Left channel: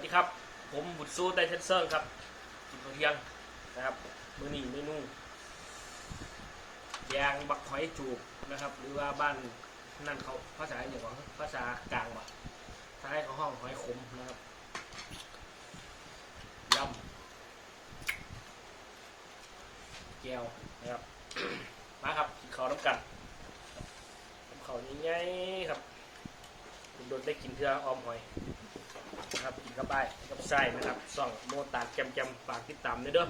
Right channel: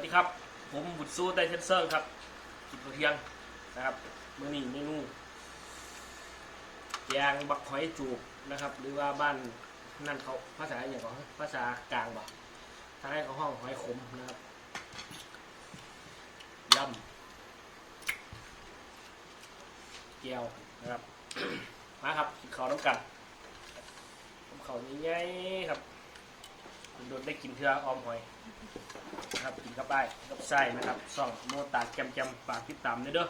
วัสดีครับ ผมบุตรสู้ไดเทนเซอร์ครับ กินข้าวเที่ยงนะครับ มื้อนี้เมนูแกงบักหอยจูบนะครับ หรือว่าบ้านนั่นเขาภาษาอย่างของภาษากลางบ่ถ้าให้เขาห้องหอยขมนะครับยำแก้วนะครับ มาครับกินข้าวน้ำกันน้ำข้าวง่ายๆครับโดนได้กินเทือออมหอย นะครับกินกับไอ้กับไส้นะครับซ่องโมตาจำจำฝากติดตามด้วยเด้อ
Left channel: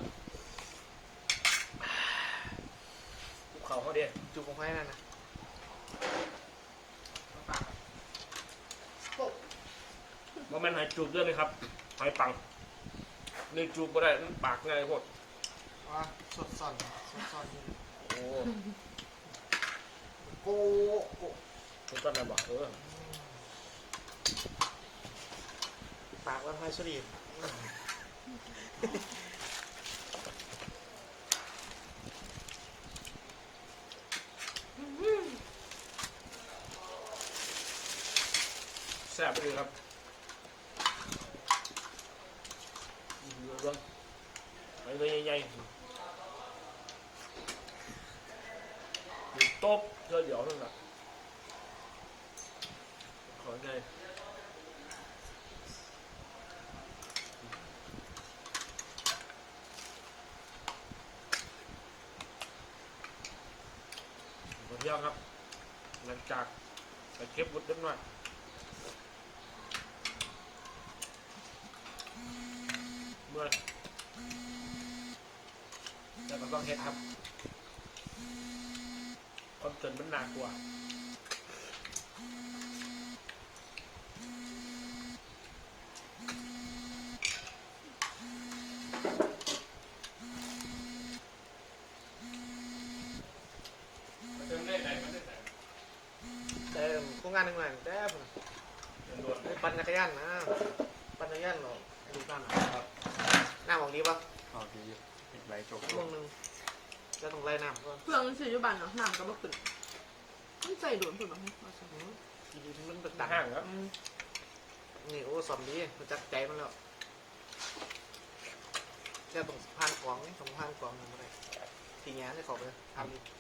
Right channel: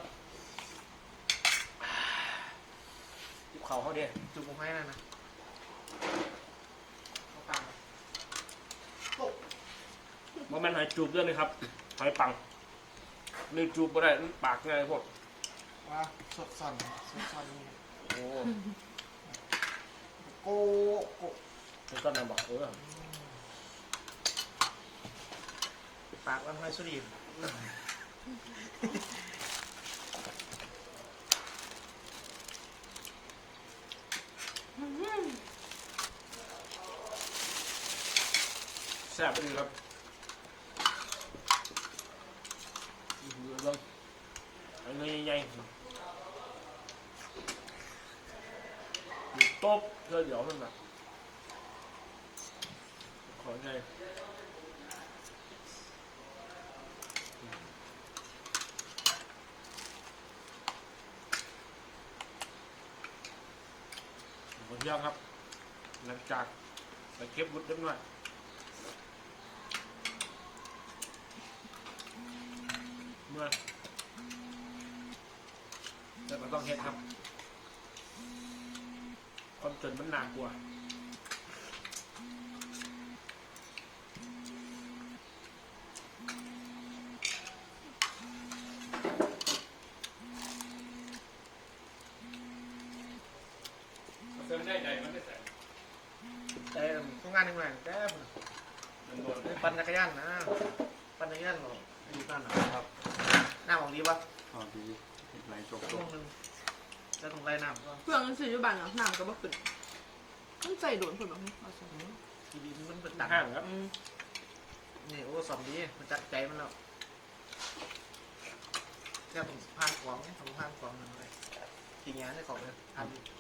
จุบเขาเขาเด้จุกของแม่นั่นนะมาปากบ่แม่นหอยจูบเด้วยเลยครับหอยปังนี่จูบบ่ได้มันปากง่ายพวกว่าสดส่อนสดส่อนนี่โอ้โกโกต้นต้นนั่นบ่เออ ปากว่าไงสุรีแซ่บไปเลยครับอื้อหือเบิ่งยเงยใหญ่ๆอยู่โต๊ะเธอเดี๋ยวนั่นน่ะขอไง หมดยังครับ หลังจากไปเก็บวุ้นเล็กน้อยเมื่อแต่ก็ต้องเฮ็ดครับคอนเสิร์ตมันหนักกว่า ได้ใจมันได้แต่แต่โครงงานหนึ่งเลยแต่โดนปั่นจักรยานนะปั่นจักรยานหรออายุบ้านครับหน้าของดีปะเอาดีติดไรจบช่วงหนึ่งแล้วต้องไล่น้ำก็เครื่องมันซื้อยู่บ้านหลังน้ำก็บ่ขึ้นมันใส่โดนถูกไหมกินมันเป็นหดัน้างห้างครับนี่โอ้สอนดีมันจักใจมันแล้วแค่ต้องผ่านของต้องผ่านของอะไรทีนี้ได้ของเลยทำ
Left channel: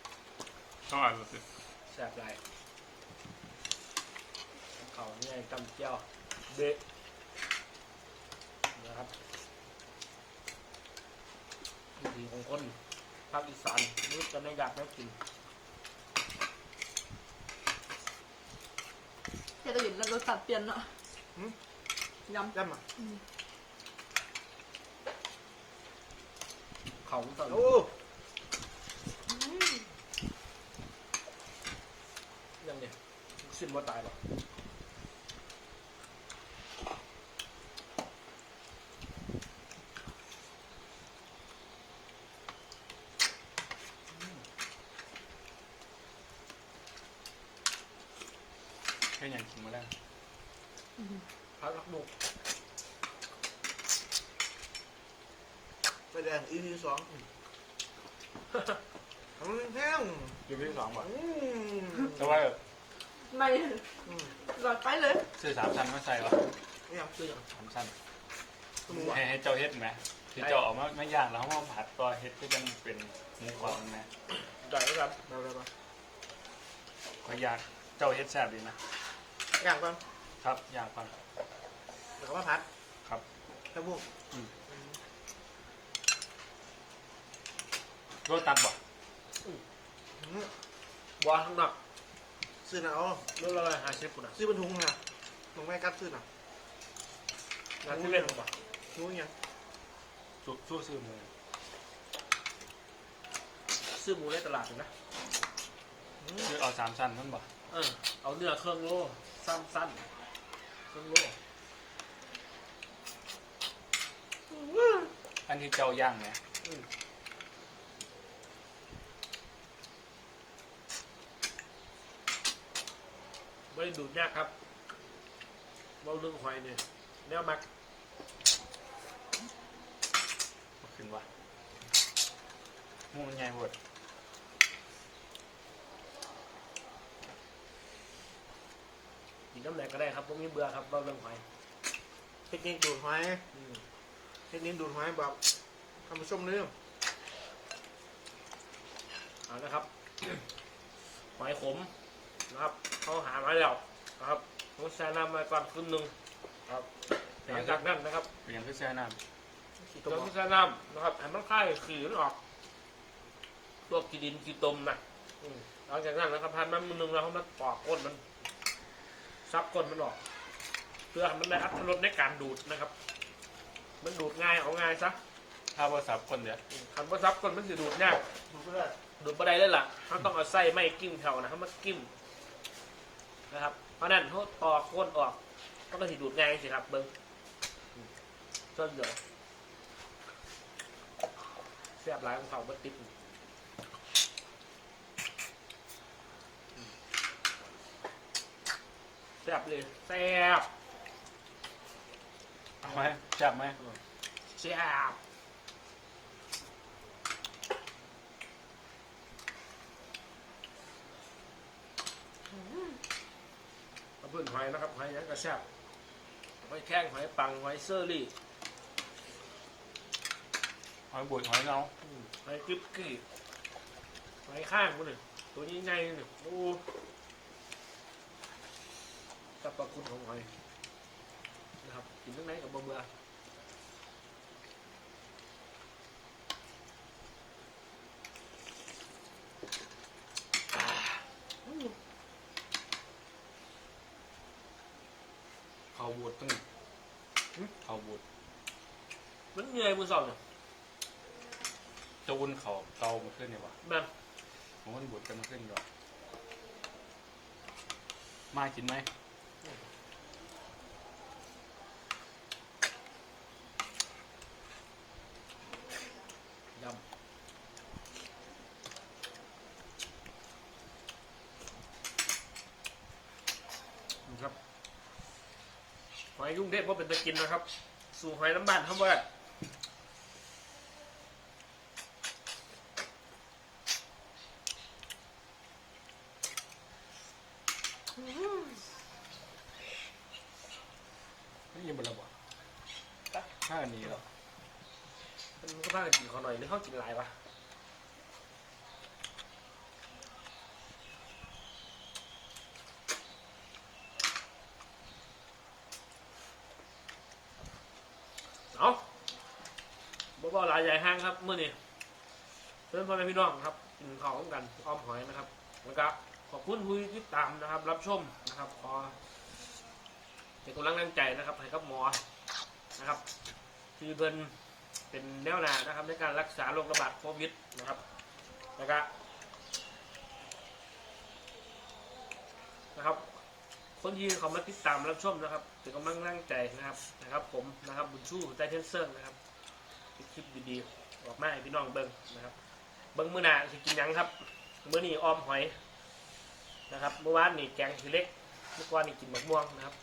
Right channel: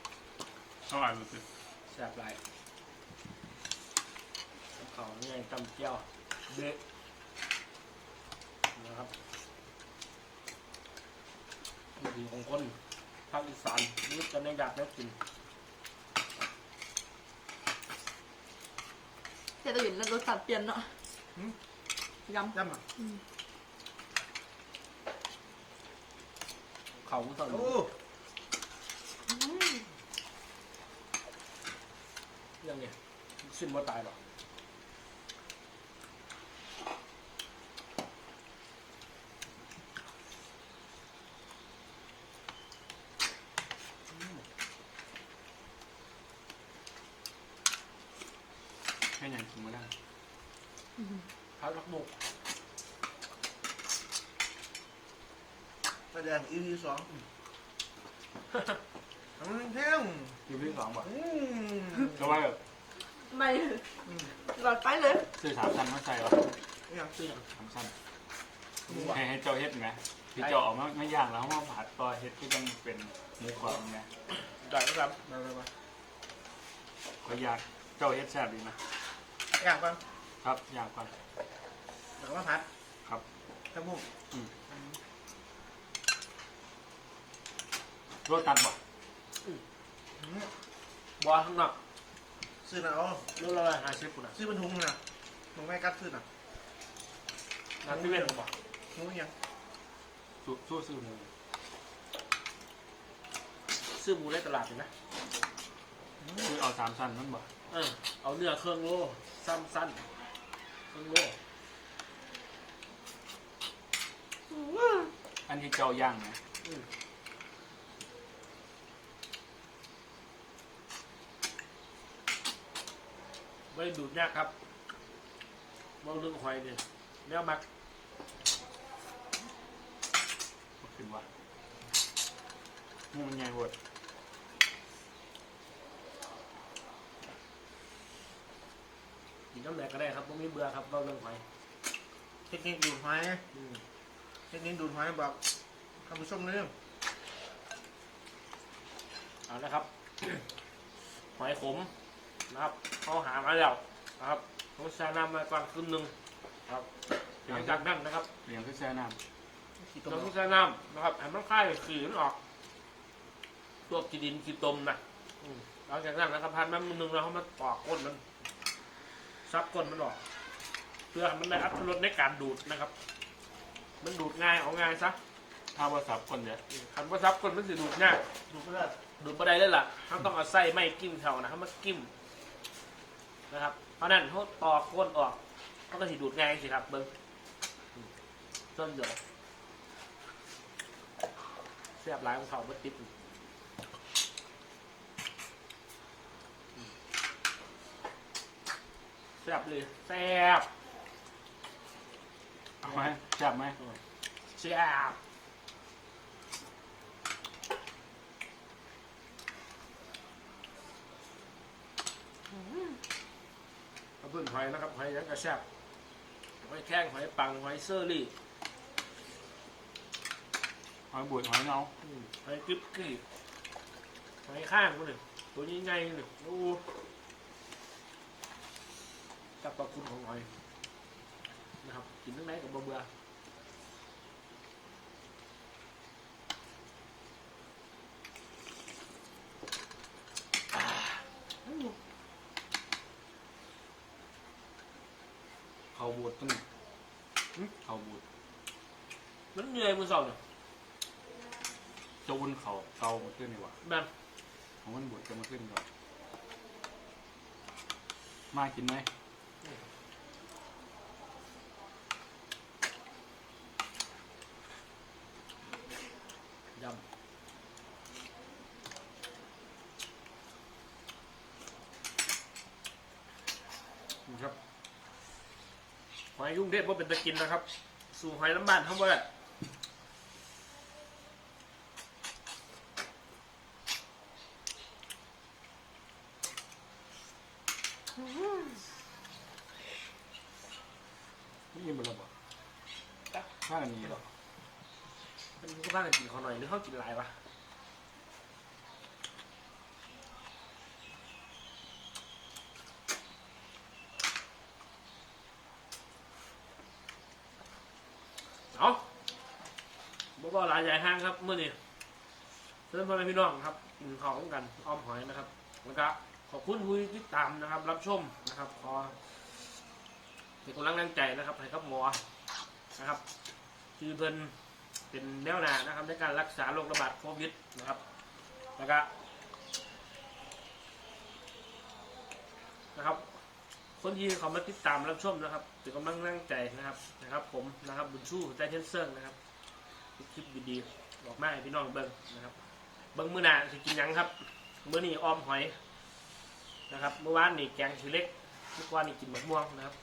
ดีข้างหลังมันคือแซ่บหลายเขาง่ายตำเจียวเบะนะครับวิถีของคนภาคอีสานรู้กันได้อยากได้กินเดี๋ยวจะเห็นแล้วรสชาติเปลี่ยนเนาะยำย่ำอะอืมเขาตอนโอ้ยั งไงสิ้นว่าตายหรอกแค่ยังกินมาได้พักรักบุกแสดงอีพีสองอืม เที่ยงกินไปที่สองแบบอืมแต่ว่าแบบไม่อืมหลอดไปเลยซื้อสามชั้นมาใส่หรอเนี่ยคืออย่างสามชั้นมึงว่าให้ให้เจ้าเฮ็ดไหมที่เจ้าออกมาไม่ย่างแล้วมาผัดต่อเฮ็ดก็ยังเป็นหมูกรอบไหมได้ไหมครับมามามาก็อยากเจ้าเฮ็ดแซ่บดีนะอยากก่อนครับอยากไปเดี๋ยวมาพัดครับแค่มุกโรตัดบอกอืม บัวข้างนอกซื้อหน่อยเอาเรื่องอะไรหาเชฟกูนะซื้อเป็นถุงนะถุงไม่กัดซื้อหน่ะงานที่เว้นผมบอกถุงเนี่ยชุดชั่วซื้อหมูซื้อหมูในตลาดเลยนะอืมซื้อเอาสามชั้นนั่นบอกเออเอาเนื้อเครื่องโลสั้นสั้นเครื่องโลอันนี้เจ้าย่างไหม อืม ไม่ได้ดูดยากครับเว่าเรื่องหอยเนี่ยแนวมักขึ้นวะหมูมันใหญ่หมดกินน้ำแหนกก็ได้ครับผมมีเบื่อครับเว่าเรื่องหอยเทคนิคดูดหอยอืมเทคนิคดูดหอยบอกท่านผู้ชมเรื่องเอานะครับหอยขม นะครับเขาหามาแล้วนะครับเขาใส่น้ำมาก่อนครึ่งหนึ่งครับหลังจากนั้นนะครับเปลี่ยนคือแช่น้ขี้เรามต้องใส่น้ำนะครับให้มันคลายขืนออกพวกกีดินกีตมนะอืมหลังจากนั้นนะครับพันมันมือหนึงแล้วเขามาปอกก้นมัน ซับก้นมันออก เพื่อให้มันได้อัตรสในการดูดนะครับ มันดูดง่ายเอาง่ายซะำถ้าว่าสับคนเดียวคันว่าซับก้นมันจะดูดยากดูก็ได้ดูดบ่ได้เลยล่ะเขาต้องเอาไส้ไม่กิ้มแถวนะเขามากิ้ม นะครับ เพราะนั้นเขาตอกก้นออกมันก็สิดูดง่ายสิครับเบิ้งอืมส้นเดียวเสียบหลายของเขาบัติดอืมแซ่บเลยแซ่บเอาไหมจับไหมแซ่บ เอาเพื่อนหอยนะครับหอยยังกระแซ่บหอยแข้งหอยปังหอยเซอร์รี่หอยบุดหอยเนาอืมหอยกริบกรีหอยข้างมันหนึ่งตัวนี้ใหญ่หนึ่งดูสรรพคุณของหอยนะครับกินทั้งไหนกับเบื่อๆอ่าอืม เขา บุดตึ้งเขาบุดมันเหนื่อยมือสองเนี่ยจะอุ่นเขาเตามันขึ้นเนี่ยวะแบบของมันบุดกันมันขึ้นก่อนน่ากินไหม ยำนี่ครับ ห อยยุ่งเด็ดว่าเป็นตะกินนะครับ สู่หอยน้ำบานทั้งหมดอะไม่ยินบระบอกถ้าอันนี้หรอมันก็บ้ากันกินเขาหน่อยหรือเขากินหลายวะเอา บ่บ่หลายใหญ่ห้างครับเมื่อนี้เชิญพ่อแม่พี่น้องครับกินของกันอ้อมหอยนะครับ แล้วก็ขอบคุณผู้ที่ตามนะครับ รับชมนะครับขอเป็นกำลังแรงใจนะครับให้กับหมอนะครับคือเพิ่นเป็นแนวหน้านะครับ ในการรักษาโรคระบาดโควิดนะครับ แล้วก็นะครับ คนที่เขามาติดตามรับชมนะครับเป็นกำลังแรงใจนะครับนะครับ ผมนะครับบุญชูใจเทนเซิงนะครับ คลิปดีๆออกมาให้พี่น้องเบิ้งนะครับ เบิ้งมื้อหน้าสิกินหยังครับมื้อนี้ออมหอยนะครับ เมื่อวานนี่แกงทีเล็กเมื่อวานนี่กินมะม่วงนะครับ